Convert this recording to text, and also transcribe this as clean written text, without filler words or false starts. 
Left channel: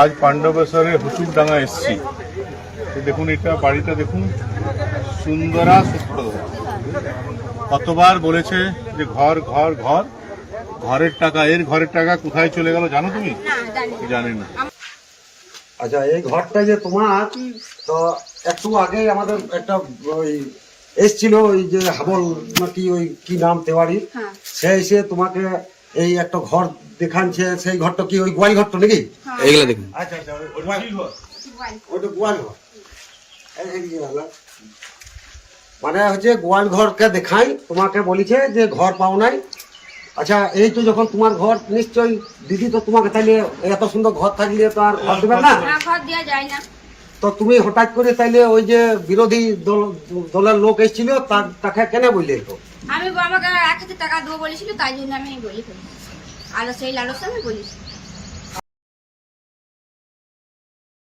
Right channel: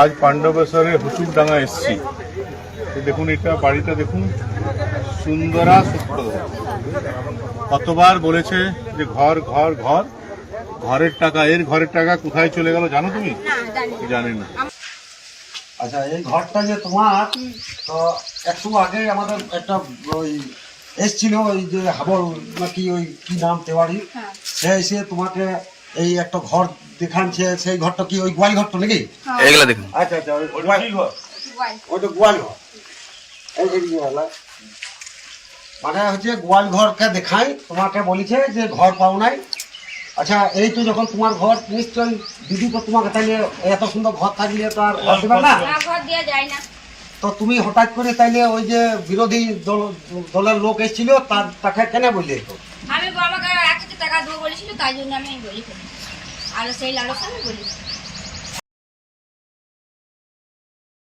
আজ পাণ্ডবেশ্বরে হুচুরডাঙ্গা এসছি। দেখুন এটা বাড়িটা দেখুন, সুন্দরা সুপ্রদ। কতবার বলেছে যে ঘর ঘর ঘর, ঘরের টাকা, এর ঘরের টাকা কোথায় চলে গেল জানো তুমি? জানি না। আচ্ছা, এই ঘরটা যে তোমার, তো একটু আগে আমাদের একটা ওই এসছিল, ওই যে হাবল নাকি ওই কি নাম তেওয়ারি, সে এসে তোমাকে এই একটা ঘর দেখাচ্ছে। সেই ঘরটা কি ওই গোয়াল ঘরটা নাকি? এগুলা দেখুন। আচ্ছা আচ্ছা, ওই ঘর, ওইটা গোয়াল ঘর। এই মানে হচ্ছে গোয়াল ঘরকে দেখাই, তোমাকে বলেছে যে ঘর পাও নাই। আচ্ছা, এই তো যখন তোমার ঘর, নিশ্চয়ই দিদি তো তোমাকে তাইলে এত সুন্দর ঘর থাকলে তো আর ঘর দেবে না, ঘর দেওয়া যায় না। তো তুমি হঠাৎ করে তাইলে ওই যে বিরোধী দলের লোক এসেছিল, তাকে কেন বললে? তো আমি আমাকে 1,000 টাকা দেবো বলেছিল, তাই জন্য আমি বলি ফেলি, আর সেই লালসা আমি বলি।